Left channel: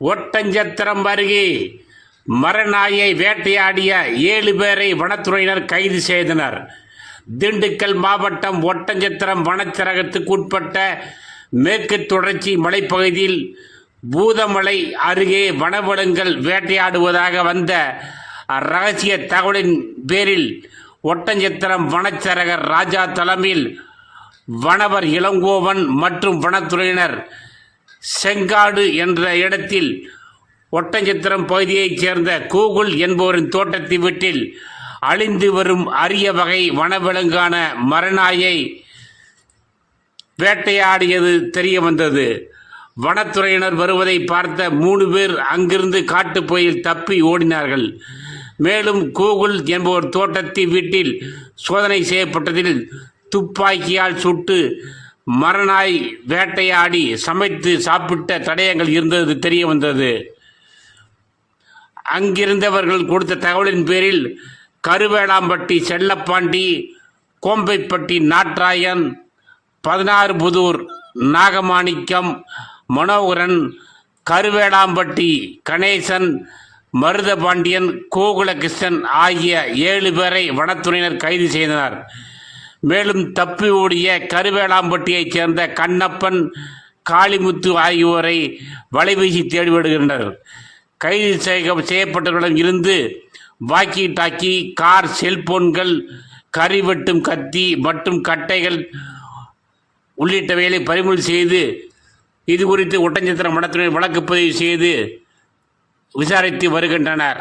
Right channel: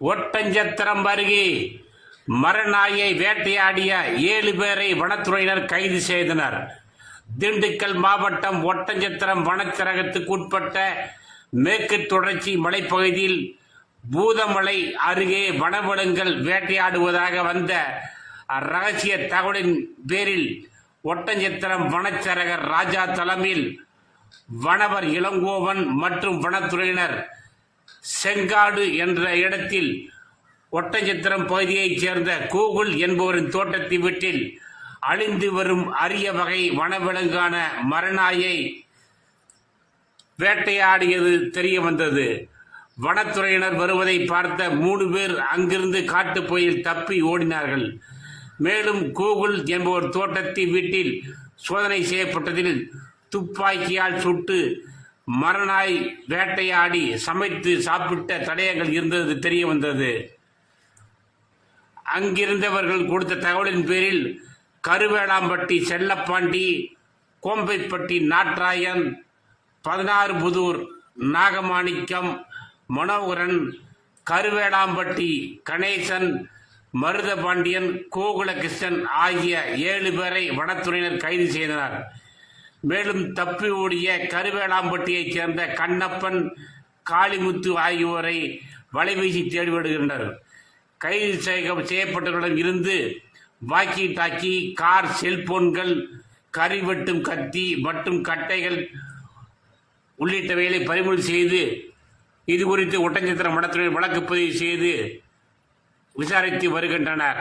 ஒட்டஞ்சத்திரம் அருகே மரநாயை வேட்டையாடிய 7 பேரை வனத்துறையினர் கைது செய்தனர். திண்டுக்கல் மாவட்டம் ஒட்டஞ்சத்திரம் வனச்சரகத்துக்குட்பட்ட மேற்கு தொடர்ச்சி மலைப்பகுதியில் பூதமலை அருகே வனவிலங்குகள் வேட்டையாடுவதாக வந்த ரகசிய தகவலின் பேரில் ஒட்டஞ்சத்திரம் வனச்சரகர் ராஜா தலைமையில் வனவர் இளங்கோவன் மற்றும் வனத்துறையினர் செங்காடு என்ற இடத்தில் ஒட்டஞ்சத்திரம் பகுதியைச் சேர்ந்த கூகுள் என்பவரின் தோட்டத்தை வீட்டில் அழிந்து வரும் அரிய வகை வனவிலங்கான மரநாயை வேட்டையாடியது தெரிய வந்தது. வனத்துறையினர் வருவதை பார்த்த 3 பேர் அங்கிருந்து காட்டுப்பகுதியில் தப்பி ஓடினார்கள். மேலும் கூகுள் என்பவர் தோட்டத்தை வீட்டில் சோதனை செய்யப்பட்டதில் துப்பாக்கியால் சுட்டு மரநாய் வேட்டையாடி சமைத்து சாப்பிட்ட தடயங்கள் இருந்தது தெரிய வந்தது. அங்கிருந்தவர்கள் கொடுத்த தகவலின் பேரில் கருவேளாம்பட்டி செல்லப்பாண்டி, கோம்பைப்பட்டி நாட்ராயன், 16 புதூர் நாகமாணிக்கம், மனோகரன், கருவேளாம்பட்டி கணேசன், மருதபாண்டியன், கோகுலகிருஷ்ணன் ஆகிய 7 பேரை வனத்துறையினர் கைது செய்தனர். மேலும் தப்பி ஓடிய கருவேளாம்பட்டியைச் சேர்ந்த கண்ணப்பன், காளிமுத்து ஆகியோரை வலைவீசி தேடி வருகின்றனர். கைது செய்யப்பட்டவர்களிடம் இருந்து வாக்கி டாக்கி, கார், செல்போன்கள், கறி வெட்டும் கத்தி மற்றும் கட்டைகள் உள்ளிட்டவைகளை பறிமுதல் செய்து இது குறித்து ஒட்டஞ்சத்திரம் வனத்துறையினர் வழக்கு பதிவு செய்து விசாரித்து வருகின்றனர்.